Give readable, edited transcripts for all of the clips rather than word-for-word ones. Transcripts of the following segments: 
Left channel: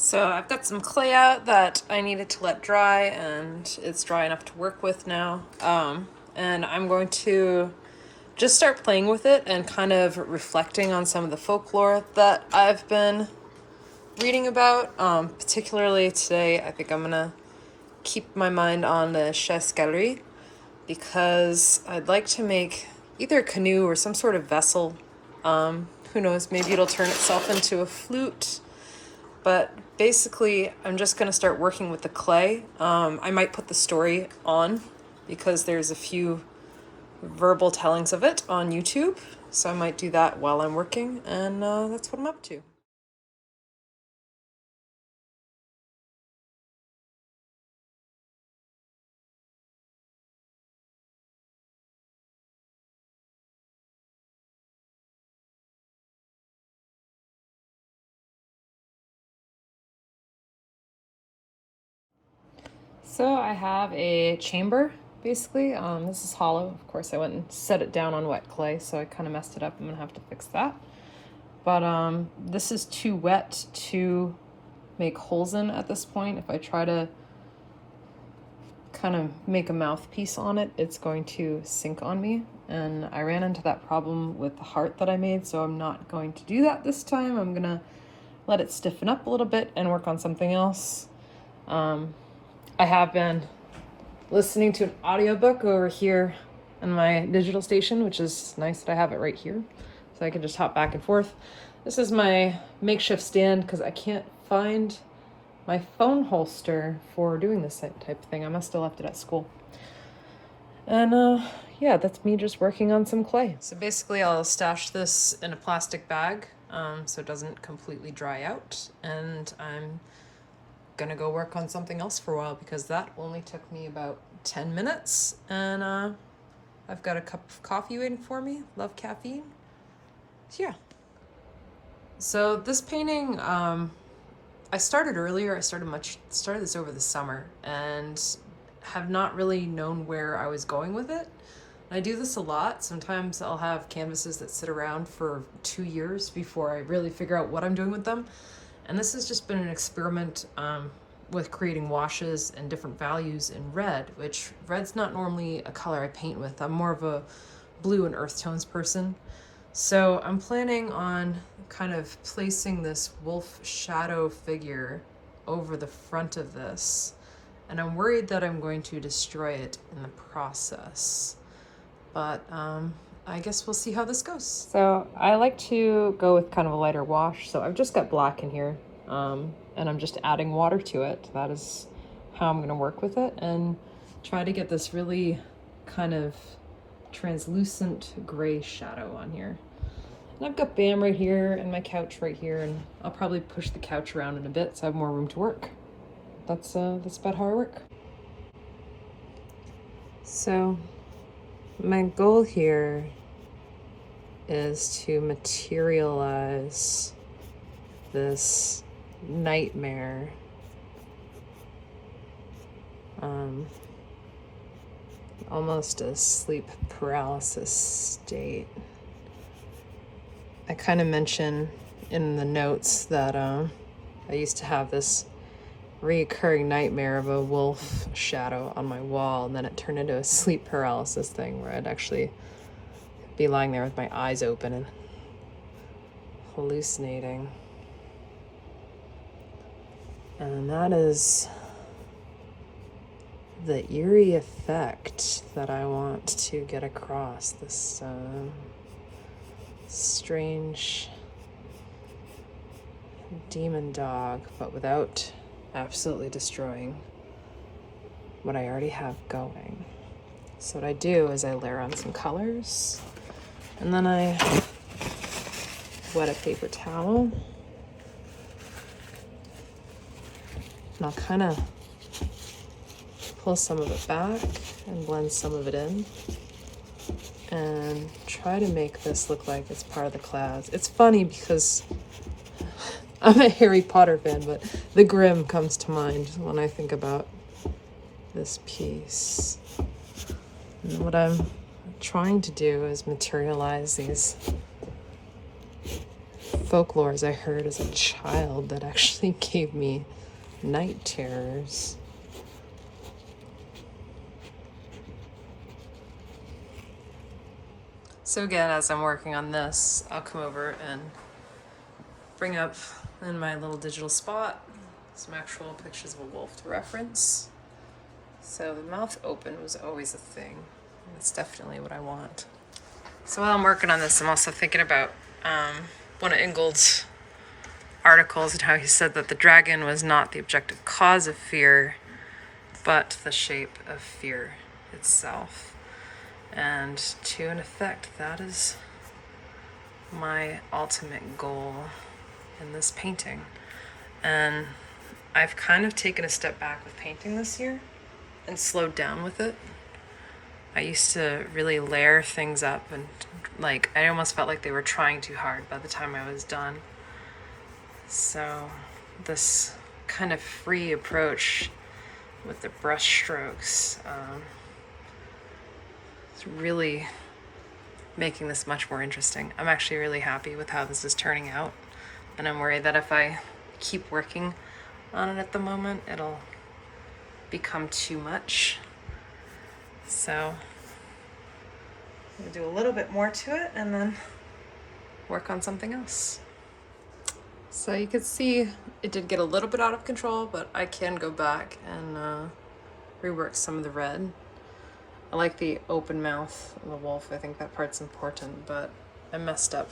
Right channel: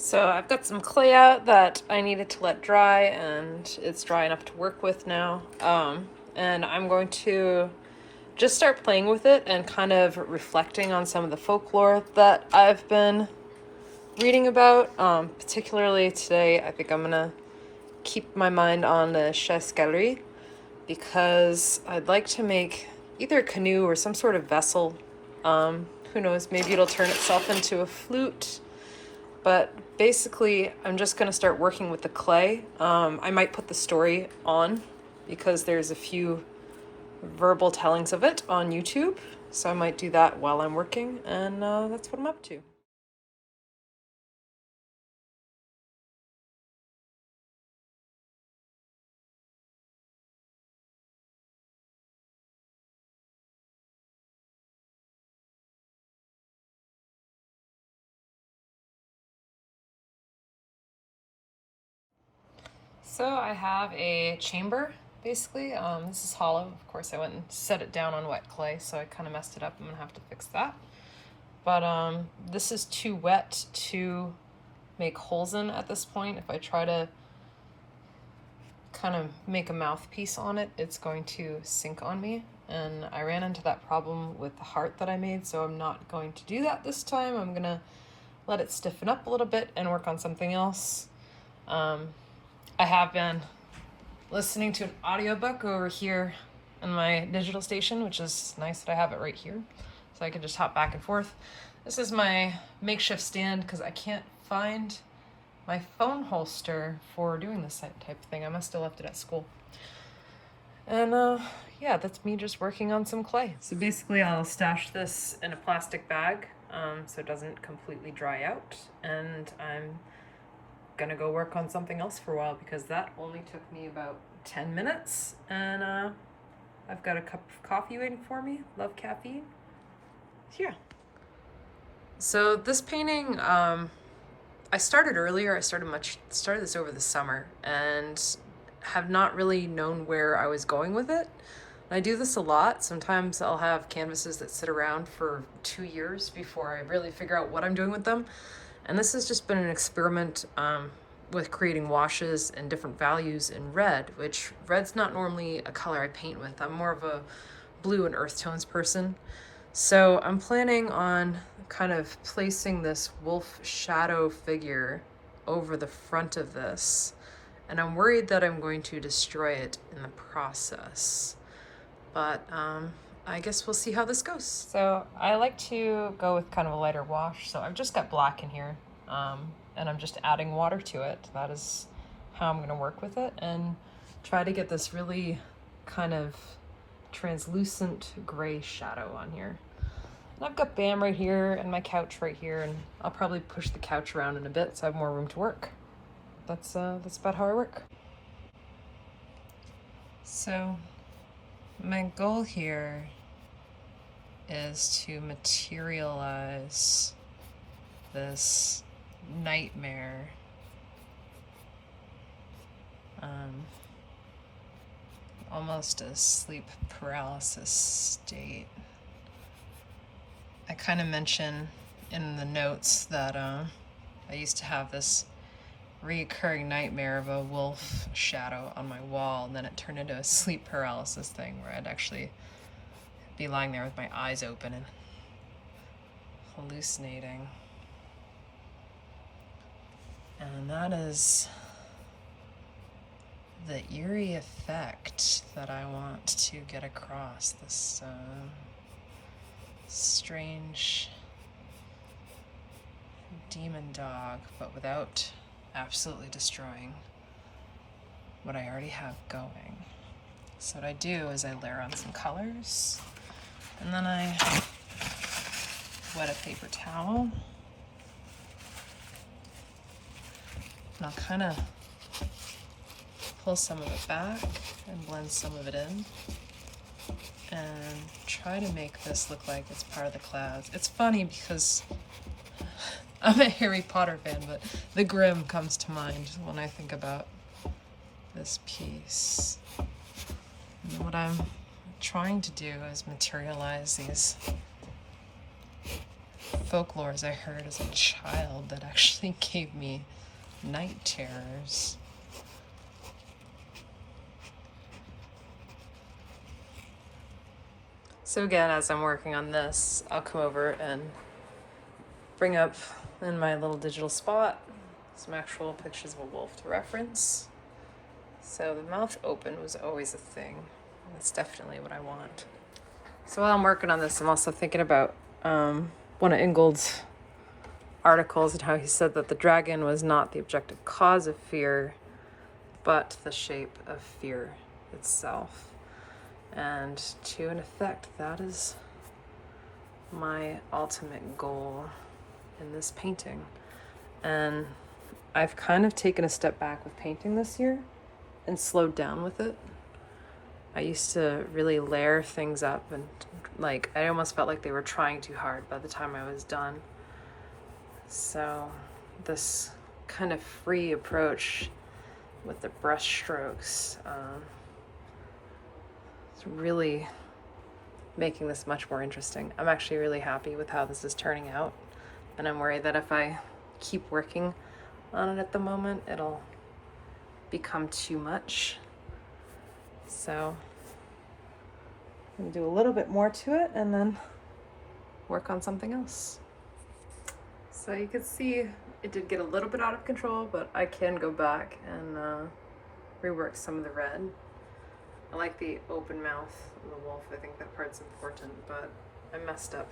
So I've got some clay out that I needed to let dry, and it's dry enough to work with now. And I'm going to just start playing with it and kind of reflecting on some of the folklore that I've been reading about. Particularly today, I think I'm gonna keep my mind on the chasse galerie because I'd like to make either a canoe or some sort of vessel. Who knows, maybe it'll turn itself into a flute. But basically, I'm just going to start working with the clay. I might put the story on because there's a few verbal tellings of it on YouTube. So I might do that while I'm working, and that's what I'm up to. So I have a chamber, basically. This is hollow. Of course, I went and set it down on wet clay, so I kind of messed it up. I'm going to have to fix that. But this is too wet to make holes in at this point. If I try to kind of make a mouthpiece on it, it's going to sink on me. And I ran into that problem with the heart that I made, so I'm not going to do that this time. I'm going to let it stiffen up a little bit and work on something else. I have been listening to an audiobook over here in my digital station, which is nice that I have it right here, so I can just hop back and forth. This is my makeshift stand because I can't find my phone holster for doing this type of thing. I must have left it at school. And yeah, that's me just working on some clay. So basically I'll stash this in a plastic bag so it doesn't completely dry out, and I'm gonna go work on something else for a while because that only took me about 10 minutes, and I've got a cup of coffee waiting for me. Love caffeine. So yeah. So this painting, I started earlier. I started this over the summer and have not really known where I was going with it. I do this a lot. Sometimes I'll have canvases that sit around for 2 years before I really figure out what I'm doing with them. And this has just been an experiment with creating washes and different values in red, which red's not normally a color I paint with. I'm more of a blue and earth tones person. So I'm planning on kind of placing this wolf shadow figure over the front of this. And I'm worried that I'm going to destroy it in the process. But I guess we'll see how this goes. So I like to go with kind of a lighter wash. So I've just got black in here, and I'm just adding water to it. That is how I'm going to work with it and try to get this really kind of translucent gray shadow on here. And I've got Bam right here and my couch right here, and I'll probably push the couch around in a bit so I have more room to work. That's about how I work. So my goal here is to materialize this nightmare. Almost a sleep paralysis state. I kind of mention in the notes that I used to have this reoccurring nightmare of a wolf shadow on my wall, and then it turned into a sleep paralysis thing where I'd actually be lying there with my eyes open and hallucinating. And that is the eerie effect that I want to get across. This strange demon dog, but without absolutely destroying what I already have going. So what I do is I layer on some colors, and then I wet a paper towel, and I'll kind of pull some of it back and blend some of it in and try to make this look like it's part of the clouds. It's funny because I'm a Harry Potter fan, but the Grimm comes to mind when I think about this piece. And what I'm trying to do is materialize these folklores I heard as a child that actually gave me night terrors. So again, as I'm working on this, I'll come over and bring up in my little digital spot some actual pictures of a wolf to reference. So the mouth open was always a thing. That's definitely what I want. So while I'm working on this, I'm also thinking about one of Ingold's articles and how he said that the dragon was not the objective cause of fear, but the shape of fear itself. And to an effect, that is my ultimate goal in this painting. And I've kind of taken a step back with painting this year and slowed down with it. I used to really layer things up and I almost felt like they were trying too hard by the time I was done. So this kind of free approach with the brush strokes, it's really making this much more interesting. I'm actually really happy with how this is turning out, and I'm worried that if I keep working on it at the moment, it'll become too much. So I'm gonna do a little bit more to it and then work on something else. So you can see it did get a little bit out of control, but I can go back and rework some of the red. I like the open mouth of the wolf. I think that part's important, but I messed up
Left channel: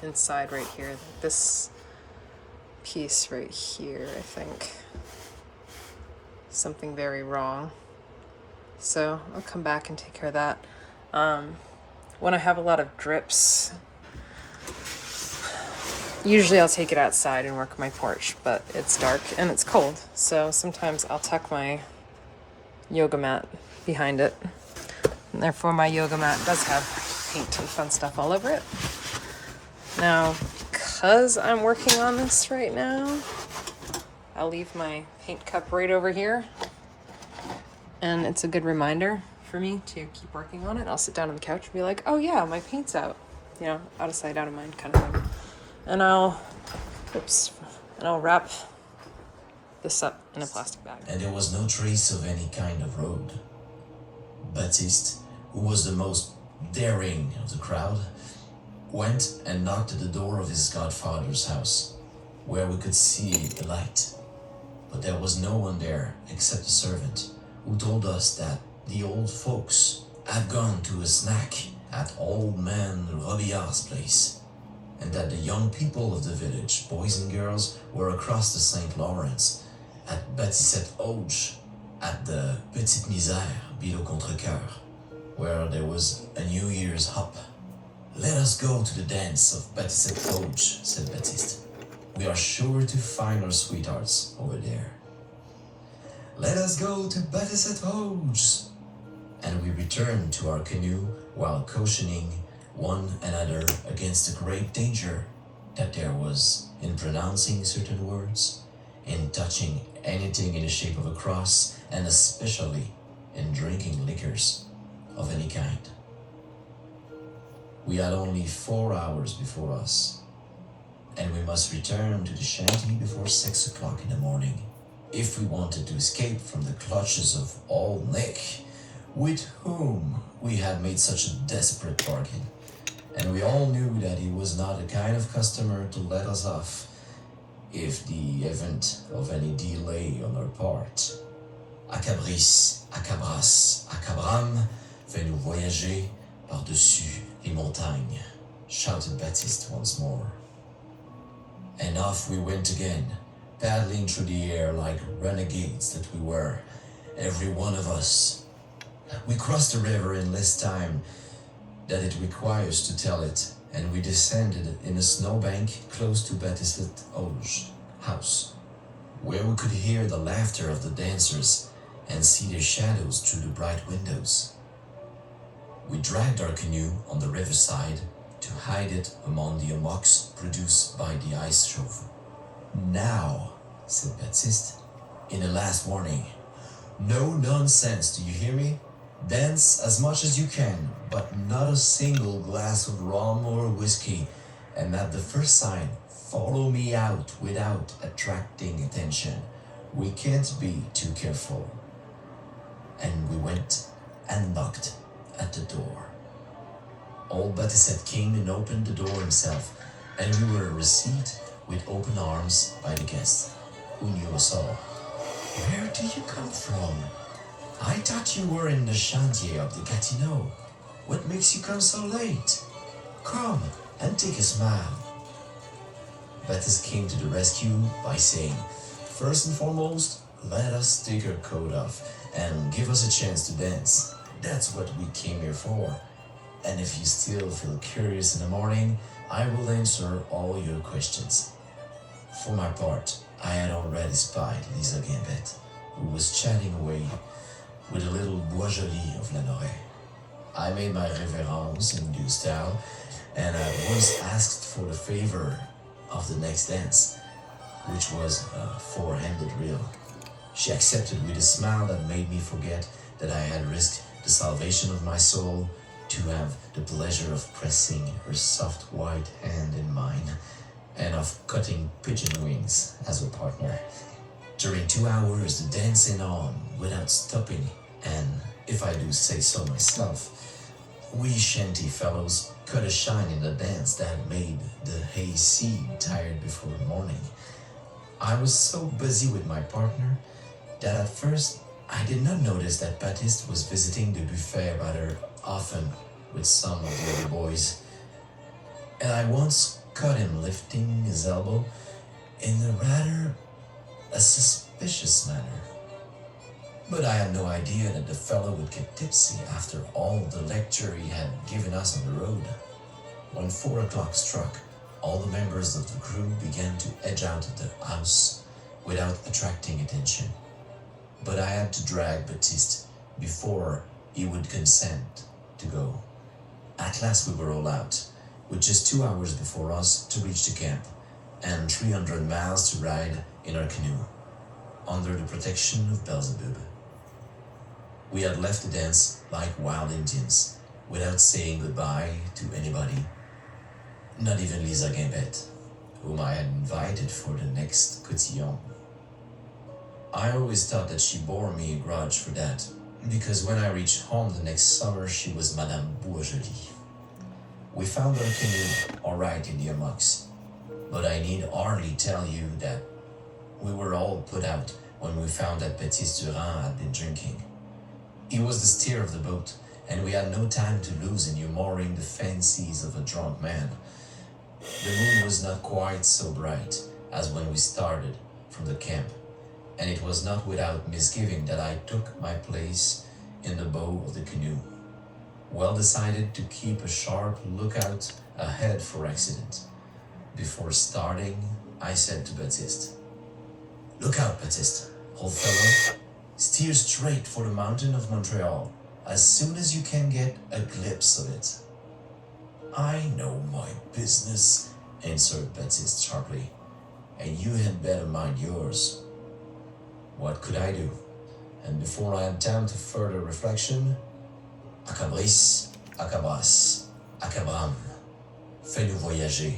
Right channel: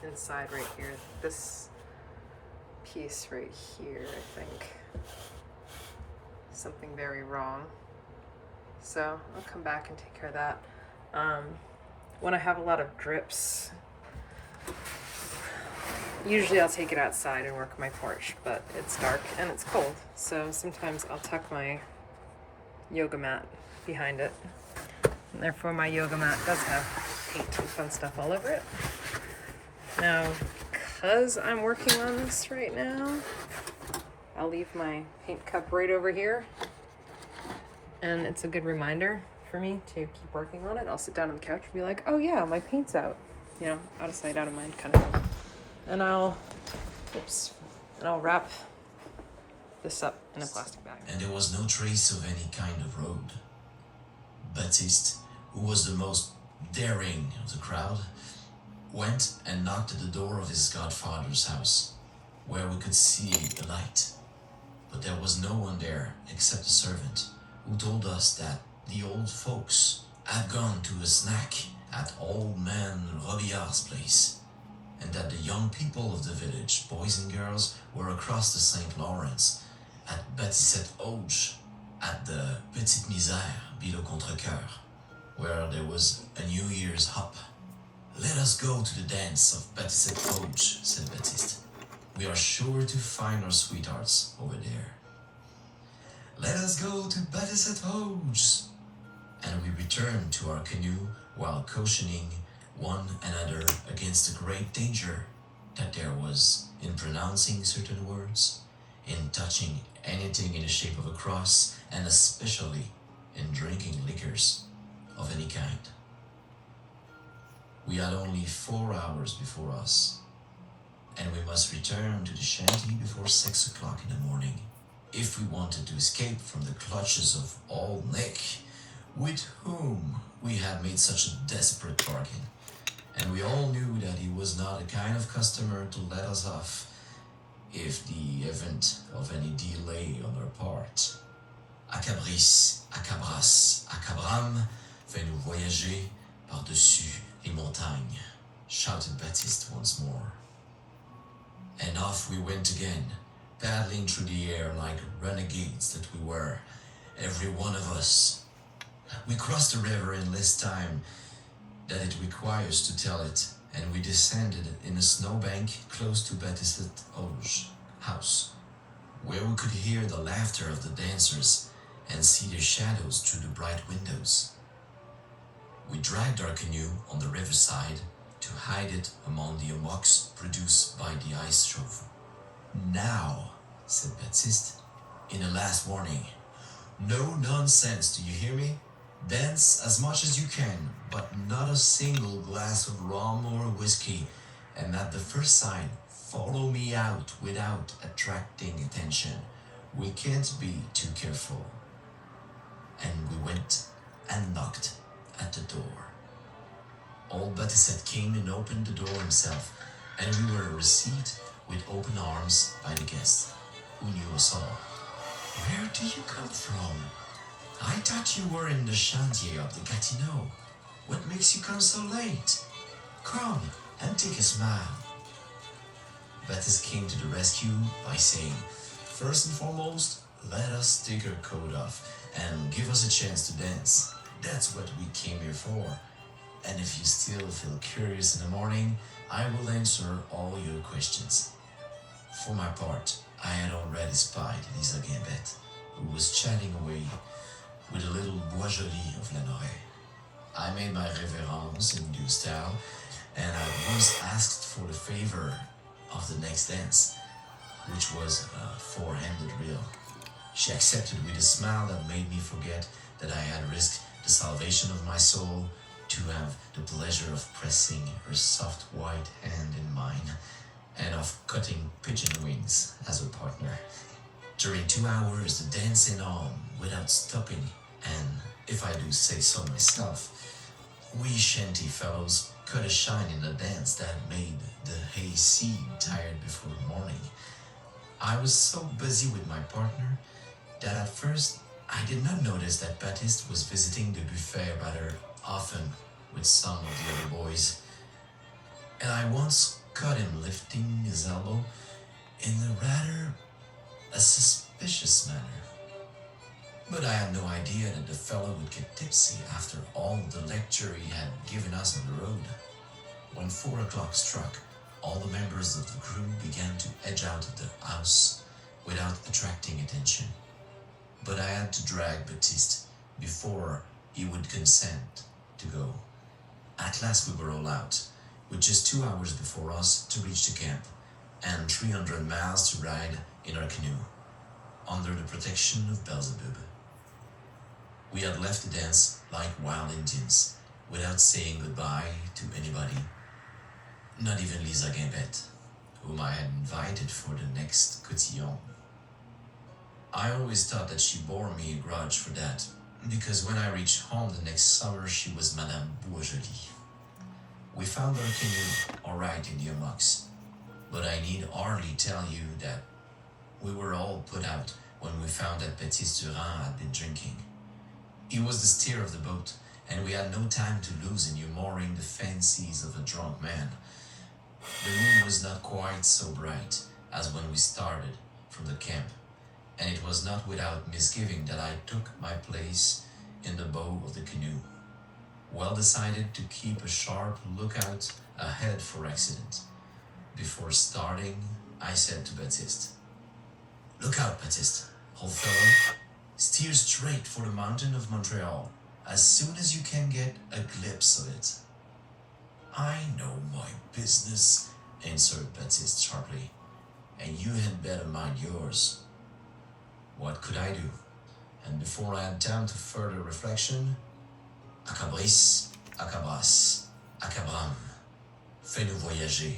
inside right here. This piece right here, I think, something very wrong. So I'll come back and take care of that. When I have a lot of drips, usually I'll take it outside and work on my porch, but it's dark and it's cold. So sometimes I'll tuck my yoga mat behind it. And therefore my yoga mat does have paint and fun stuff all over it. Now, because I'm working on this right now, I'll leave my paint cup right over here. And it's a good reminder for me to keep working on it. I'll sit down on the couch and be like, oh yeah, my paint's out. You know, out of sight, out of mind kind of thing. And I'll wrap this up in a plastic bag. And there was no trace of any kind of road. Baptiste, who was the most daring of the crowd, went and knocked at the door of his godfather's house, where we could see the light. But there was no one there except a servant, who told us that the old folks had gone to a snack at old man Robillard's place, and that the young people of the village, boys and girls, were across the St. Lawrence at Baptiste Auge, at the Petite Misère below Contrecoeur, where there was a New Year's hop. Let us go to the dance of Baptiste Auge, said Baptiste. We are sure to find our sweethearts over there. Let us go to Baptiste Auge. And we returned to our canoe while cautioning one another against the great danger that there was in pronouncing certain words, in touching anything in the shape of a cross, and especially in drinking liquors of any kind. We had only 4 hours before us, and we must return to the shanty before 6 o'clock in the morning if we wanted to escape from the clutches of Old Nick, with whom we had made such a desperate bargain. And we all knew that he was not the kind of customer to let us off if the event of any delay on our part. Acabris, Acabras, Acabram, fais-nous voyager par-dessus les montagnes, shouted Baptiste once more. And off we went again, paddling through the air like renegades that we were, every one of us. We crossed the river in less time than it requires to tell it, and we descended in a snowbank close to Baptiste Auge's house, where we could hear the laughter of the dancers and see their shadows through the bright windows. We dragged our canoe on the riverside to hide it among the hummocks produced by the ice chauffeur. Now, said Baptiste, in a last warning, no nonsense, do you hear me? Dance as much as you can, but not a single glass of rum or whiskey, and at the first sign, follow me out without attracting attention. We can't be too careful. And we went and knocked at the door. Old Baptiste came and opened the door himself, and we were received with open arms by the guest, who knew us all. Where do you come from? I thought you were in the chantier of the Gatineau. What makes you come so late? Come and take a smile. Baptiste came to the rescue by saying, first and foremost, let us take our coat off and give us a chance to dance. That's what we came here for. And if you still feel curious in the morning, I will answer all your questions. For my part, I had already spied Lisa Gambet, who was chatting away with a little bourgeois of Lanoret. I made my révérence in due style, and I was asked for the favor of the next dance, which was a four-handed reel. She accepted with a smile that made me forget that I had risked the salvation of my soul to have the pleasure of pressing her soft white hand in mine and of cutting pigeon wings as a partner. During 2 hours, the dance went on without stopping, and if I do say so myself, we shanty fellows cut a shine in the dance that made the hayseed tired before morning. I was so busy with my partner that at first I did not notice that Baptiste was visiting the buffet rather often with some of the other boys, and I once caught him lifting his elbow in a suspicious manner. But I had no idea that the fellow would get tipsy after all the lecture he had given us on the road. When 4 o'clock struck, all the members of the crew began to edge out of the house without attracting attention. But I had to drag Baptiste before he would consent to go. At last we were all out, with just 2 hours before us to reach the camp, and 300 miles to ride in our canoe, under the protection of Beelzebub. We had left the dance like wild Indians, without saying goodbye to anybody, not even Lisa Gambet, whom I had invited for the next cotillon. I always thought that she bore me a grudge for that, because when I reached home the next summer, she was Madame Bourgeois. We found our canoe all right in the hammocks, but I need hardly tell you that we were all put out when we found that Baptiste Durand had been drinking. He was the steer of the boat, and we had no time to lose in humoring the fancies of a drunk man. The moon was not quite so bright as when we started from the camp, and it was not without misgiving that I took my place in the bow of the canoe, well decided to keep a sharp lookout ahead for accident. Before starting, I said to Baptiste, "Look out, Baptiste, old fellow. Steer straight for the mountain of Montreal as soon as you can get a glimpse of it." "I know my business," answered Baptiste sharply, "and you had better mind yours." What could I do? And before I had time to further reflection, Acabris, Acabras, Acabram, fais-nous voyager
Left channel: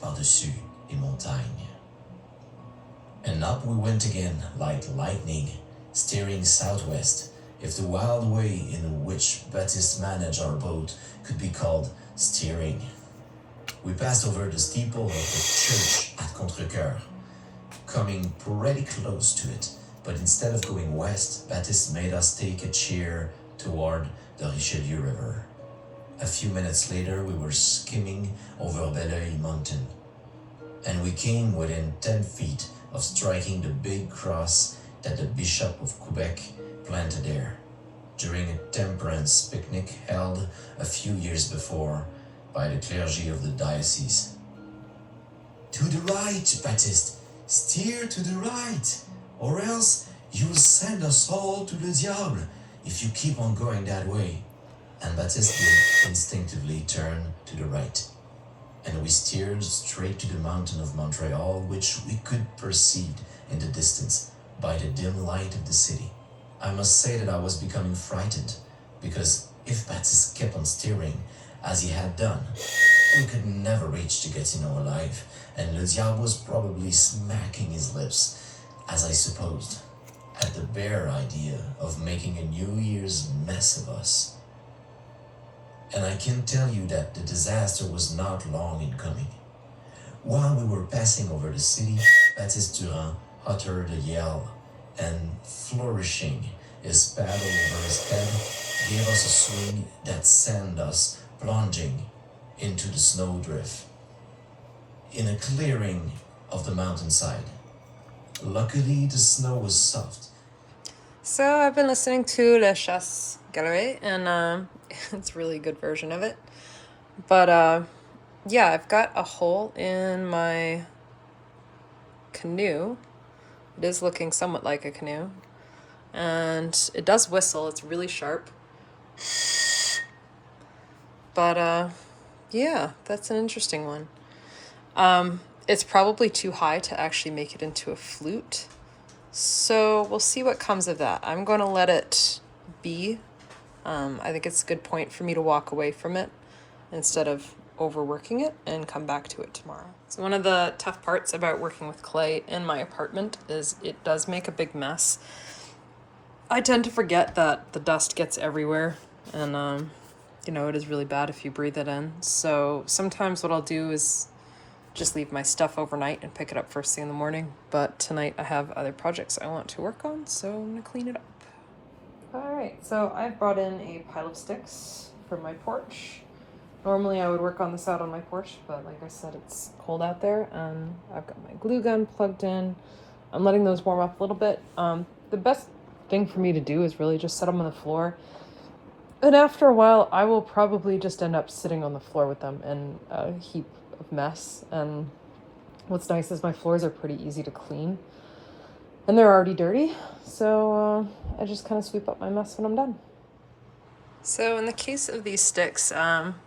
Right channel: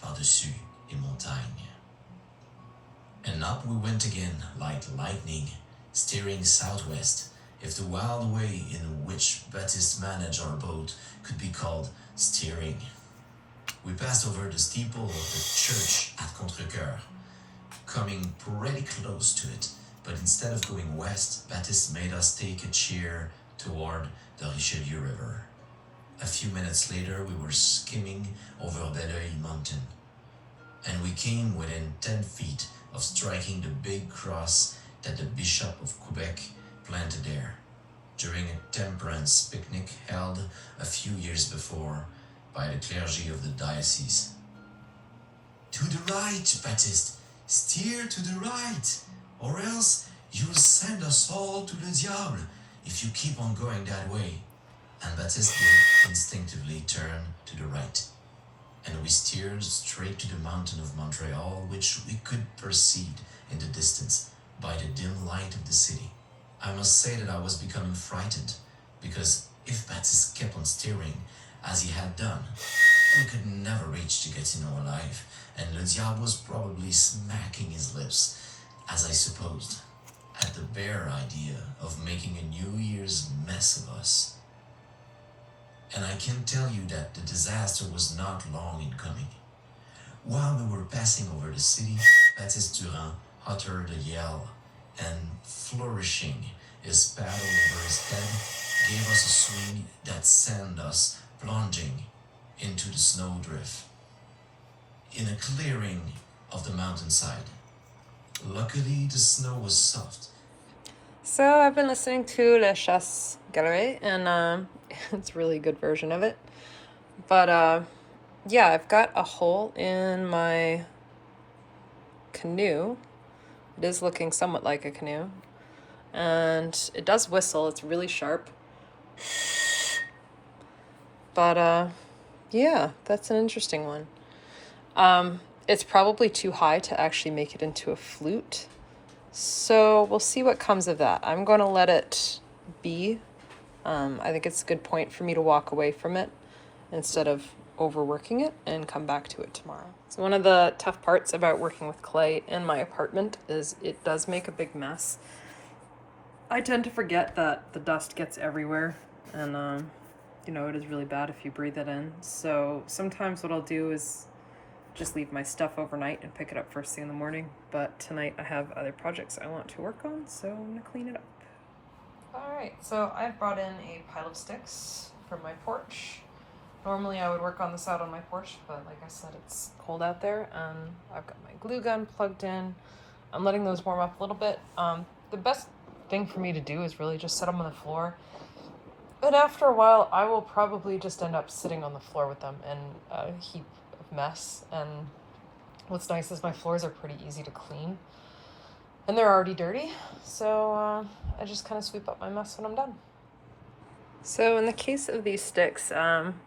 par-dessus les montagnes. And up we went again like lightning, steering southwest, if the wild way in which Baptiste managed our boat could be called steering. We passed over the steeple of the church at Contrecoeur, coming pretty close to it, but instead of going west, Baptiste made us take a cheer toward the Richelieu River. A few minutes later, we were skimming over Belleuil Mountain, and we came within 10 feet of striking the big cross that the Bishop of Quebec planted there during a temperance picnic held a few years before by the clergy of the diocese. "To the right, Baptiste! Steer to the right, or else you'll send us all to le diable if you keep on going that way." And Baptiste did instinctively turn to the right, and we steered straight to the mountain of Montreal, which we could perceive in the distance by the dim light of the city. I must say that I was becoming frightened, because if Baptiste kept on steering as he had done, We could never reach to Gatineau alive, and Le Diable was probably smacking his lips, as I supposed, at the bare idea of making a New Year's mess of us. And I can tell you that the disaster was not long in coming. While we were passing over the city, Baptiste Durand uttered a yell, and flourishing his paddle over his head, gave us a swing that sent us plunging into the snowdrift in a clearing of the mountainside. Luckily, the snow was soft. So I've been listening to La Chasse Galère, and it's a really good version of it. But yeah, I've got a hole in my canoe. It is looking somewhat like a canoe, and it does whistle. It's really sharp. But yeah, that's an interesting one. It's probably too high to actually make it into a flute. So we'll see what comes of that. I'm going to let it be. I think it's a good point for me to walk away from it instead of overworking it and come back to it tomorrow. So one of the tough parts about working with clay in my apartment is it does make a big mess. I tend to forget that the dust gets everywhere, and it is really bad if you breathe it in. So sometimes what I'll do is just leave my stuff overnight and pick it up first thing in the morning. But tonight I have other projects I want to work on, so I'm gonna clean it up. All right, so I've brought in a pile of sticks from my porch. Normally I would work on this out on my porch, but like I said, it's cold out there. I've got my glue gun plugged in. I'm letting those warm up a little bit. The best thing for me to do is really just set them on the floor. And after a while, I will probably just end up sitting on the floor with them in a heap of mess. And what's nice is my floors are pretty easy to clean. And they're already dirty, so I just kind of sweep up my mess when I'm done. So in the case of these sticks,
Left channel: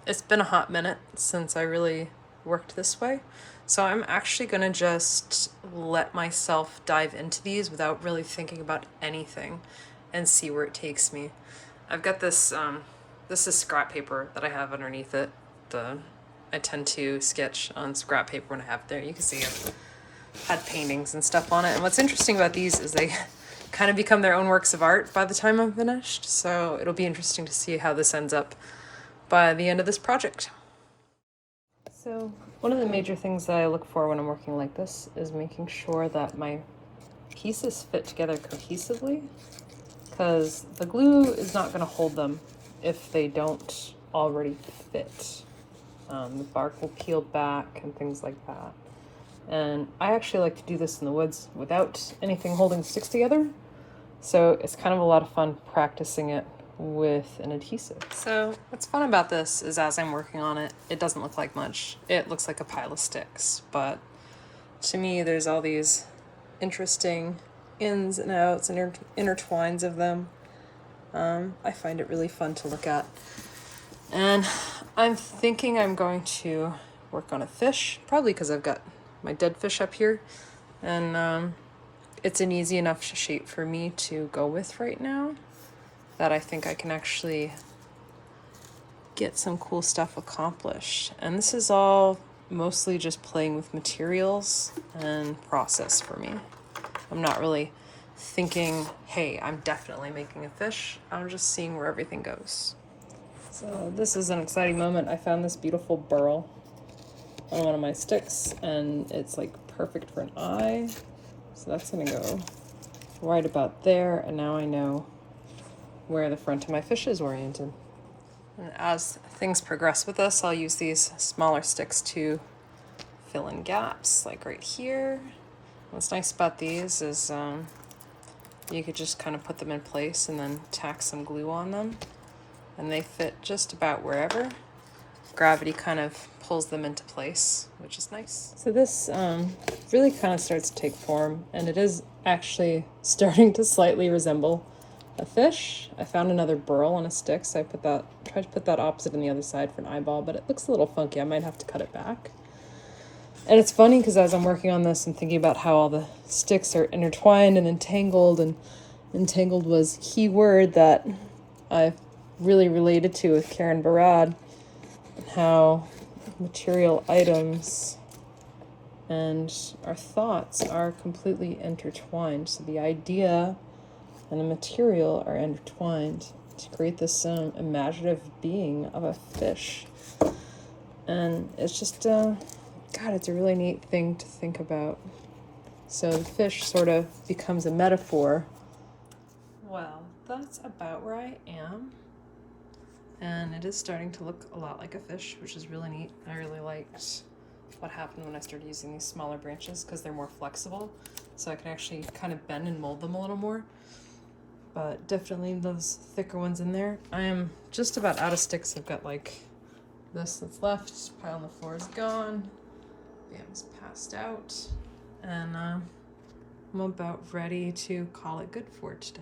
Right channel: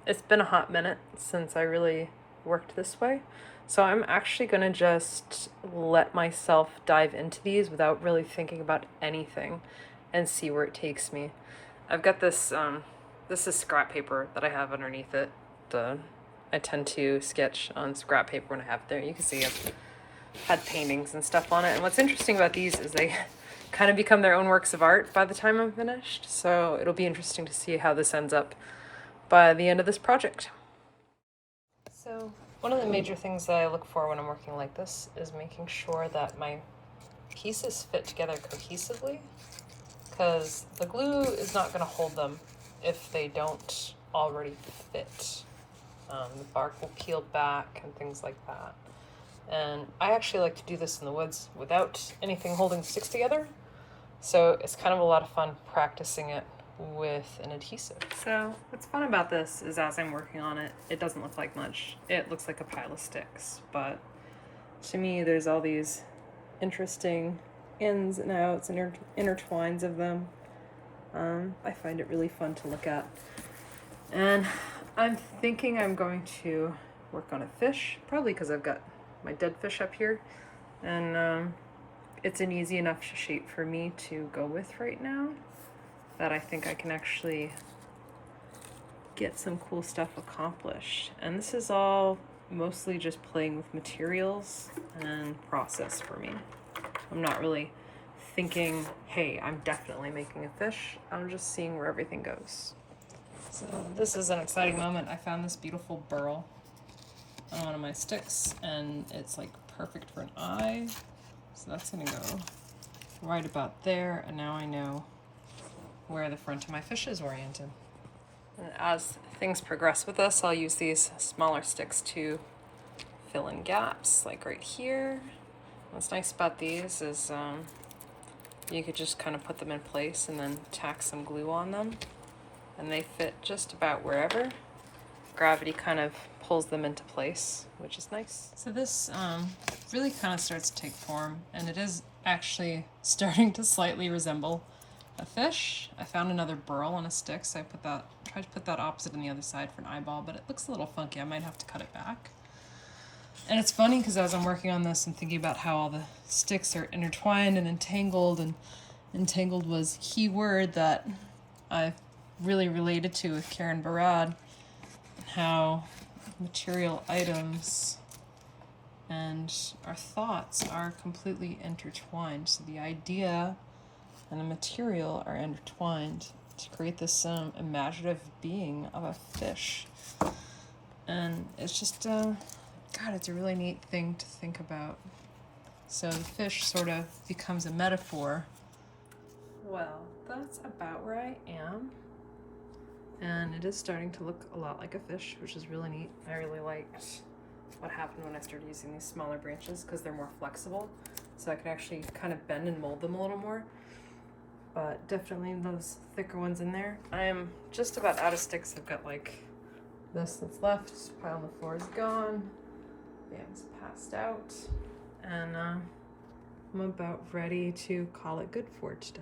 it's been a hot minute since I really worked this way. So I'm actually gonna just let myself dive into these without really thinking about anything and see where it takes me. I've got this, this is scrap paper that I have underneath it. I tend to sketch on scrap paper when I have it there. You can see I've had paintings and stuff on it. And what's interesting about these is they kind of become their own works of art by the time I'm finished. So it'll be interesting to see how this ends up by the end of this project. So one of the major things that I look for when I'm working like this is making sure that my pieces fit together cohesively, because the glue is not going to hold them if they don't already fit. The bark will peel back and things like that. And I actually like to do this in the woods without anything holding the sticks together. So it's kind of a lot of fun practicing it with an adhesive. So what's fun about this is as I'm working on it, it doesn't look like much. It looks like a pile of sticks, but to me there's all these interesting ins and outs and intertwines of them. I find it really fun to look at. And I'm thinking I'm going to work on a fish, probably because I've got my dead fish up here, and it's an easy enough shape for me to go with right now that I think I can actually get some cool stuff accomplished. And this is all mostly just playing with materials and process for me. I'm not really thinking, hey, I'm definitely making a fish. I'm just seeing where everything goes. So this is an exciting moment. I found this beautiful burl on one of my sticks, and it's like perfect for an eye. So that's gonna go right about there, and now I know where the front of my fish is oriented. And as things progress with this, I'll use these smaller sticks to fill in gaps, like right here. What's nice about these is you could just kind of put them in place and then tack some glue on them, and they fit just about wherever. Gravity kind of pulls them into place, which is nice. So this really kind of starts to take form, and it is actually starting to slightly resemble a fish. I found another burl on a stick, so I tried to put that opposite on the other side for an eyeball, but it looks a little funky. I might have to cut it back. And it's funny because as I'm working on this, I'm thinking about how all the sticks are intertwined and entangled, and entangled was a key word that I really related to with Karen Barad, and how material items and our thoughts are completely intertwined. So the idea and the material are intertwined to create this imaginative being of a fish. And it's just, God, it's a really neat thing to think about. So the fish sort of becomes a metaphor. Well, that's about where I am. And it is starting to look a lot like a fish, which is really neat. I really liked what happened when I started using these smaller branches because they're more flexible. So I can actually kind of bend and mold them a little more. But definitely those thicker ones in there. I'm just about out of sticks. I've got like this that's left. Pile on the floor is gone. Bam's passed out. And I'm about ready to call it good for today.